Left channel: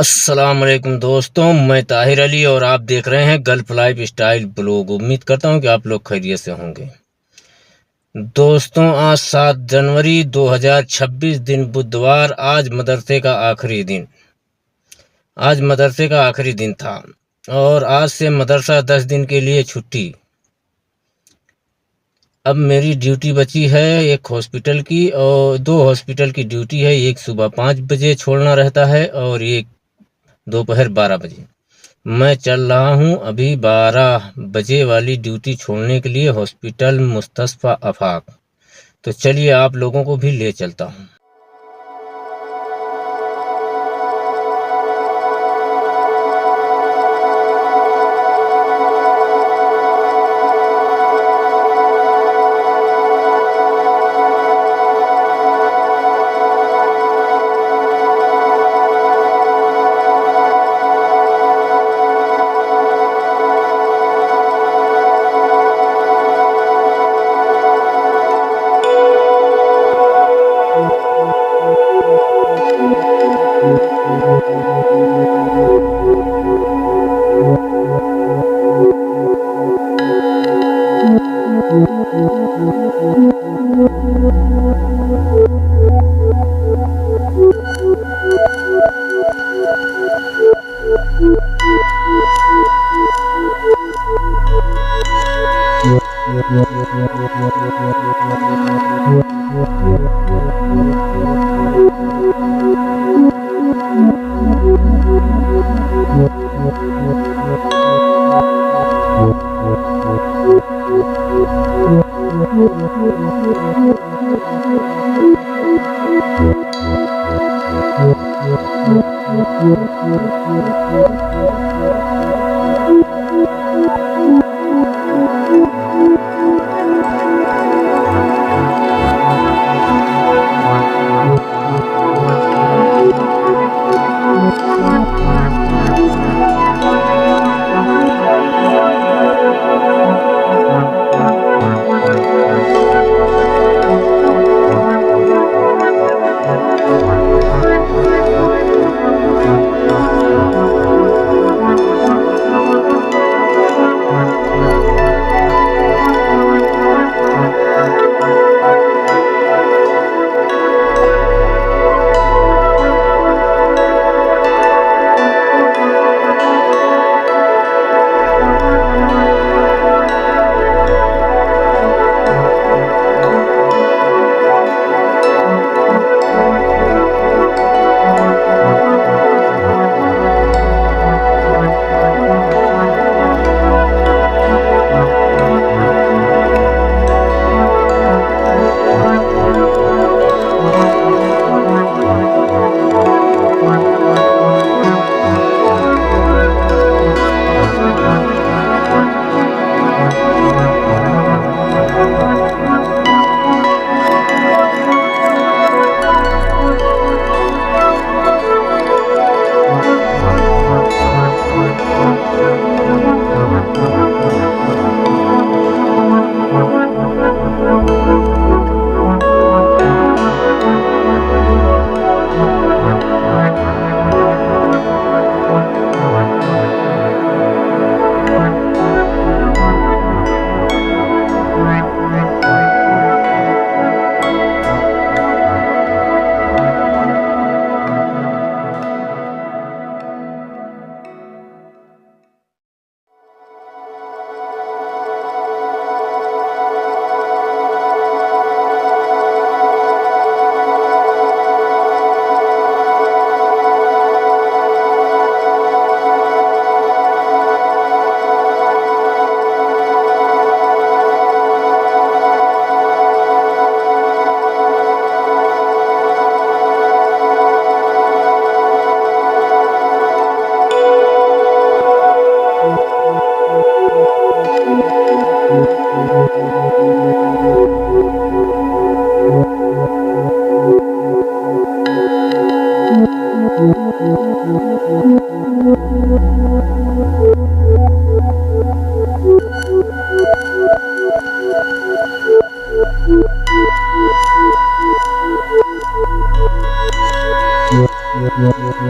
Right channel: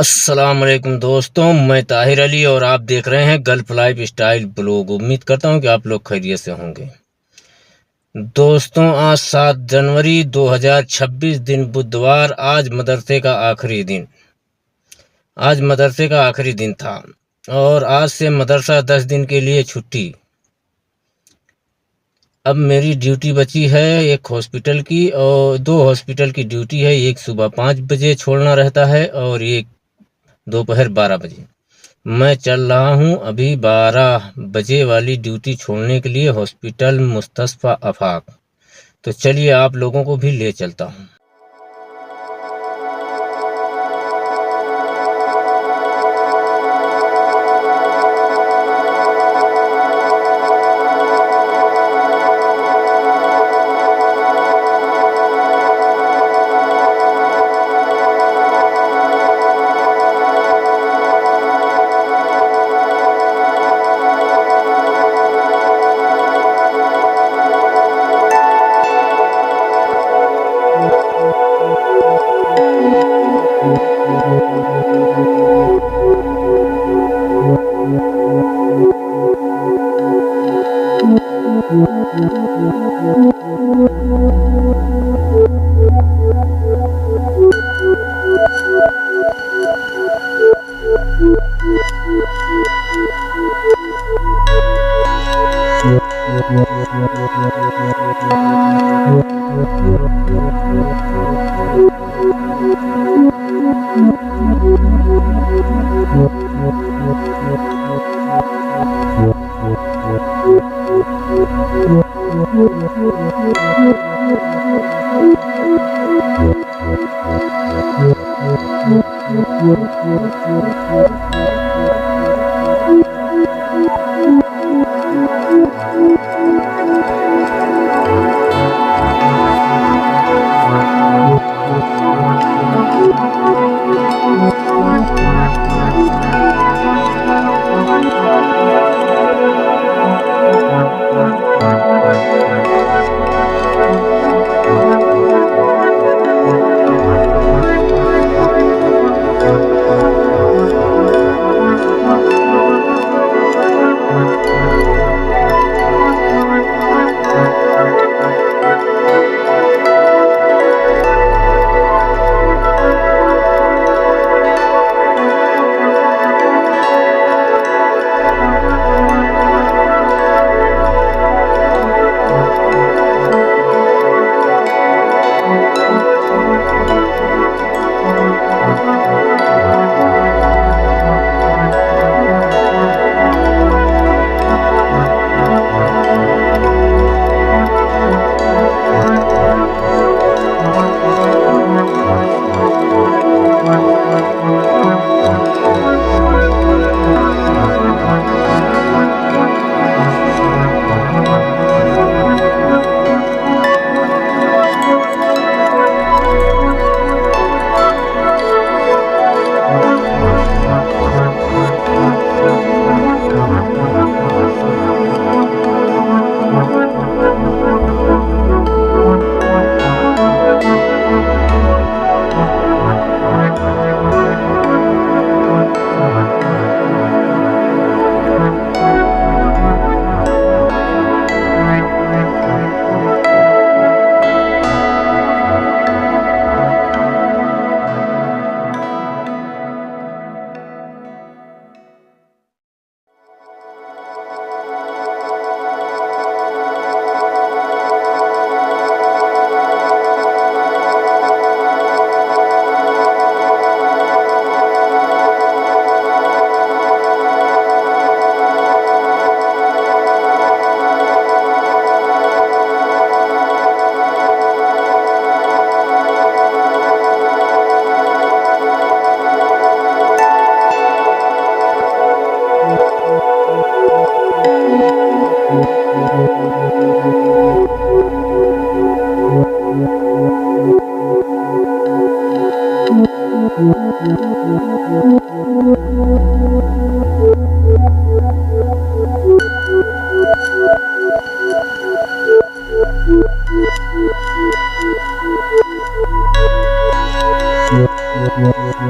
अस्सलाम वालेकुम दोस्तों, मैं ताहिर अली और आप देख रहे हैं गल्फ लाइफ स्टाइल ब्लॉग। उम्मीद करता हूं कि आप लोग खैरियत से होंगे। दोस्तों, आज 7 जनवरी 2026 दिन बुधवार। आज मदरसे का आखिरी दिन था और आज से मदरसा 10 दिन के लिए छुट्टी। अब मेरी ड्यूटी बची है एक हॉस्पिटल की और 2 हॉस्पिटल की ड्यूटी है। एक सुबह 5 बजे छोड़ना रहता है और एक दोपहर 12 बजे। मैं चल रहा हूं अभी 12 बजे वाली ड्यूटी छोड़ने के लिए हॉस्पिटल मुस्तशफा आफाक। तो चलिए आप लोगों को भी ले चलता हूं।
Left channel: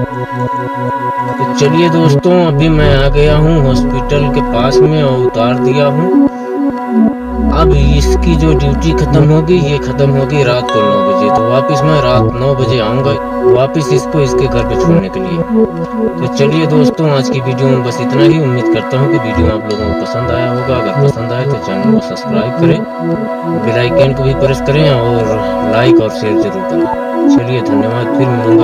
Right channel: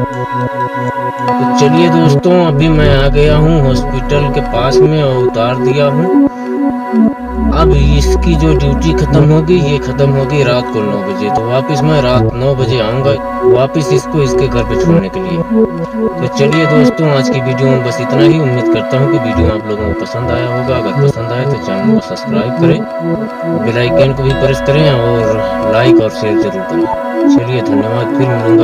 तो चलिए दोस्तों, अभी मैं आ गया हूँ हॉस्पिटल के पास में और उतार दिया हूँ। अब इसकी जो ड्यूटी खत्म होगी, ये खत्म होगी रात को 9 बजे। तो वापस मैं रात 9 बजे आऊँगा वापस इसको इसके घर पे छोड़ने के लिए। तो चलिए दोस्तों, आज की वीडियो में बस इतना ही। उम्मीद करता हूँ कि वीडियो आप लोगों को पसंद आया होगा। अगर पसंद आए तो चैनल को सब्सक्राइब करें, बेल आइकन को भी प्रेस करें और लाइक और शेयर जरूर करें। चलिए धन्यवाद, फिर मिलूंगा।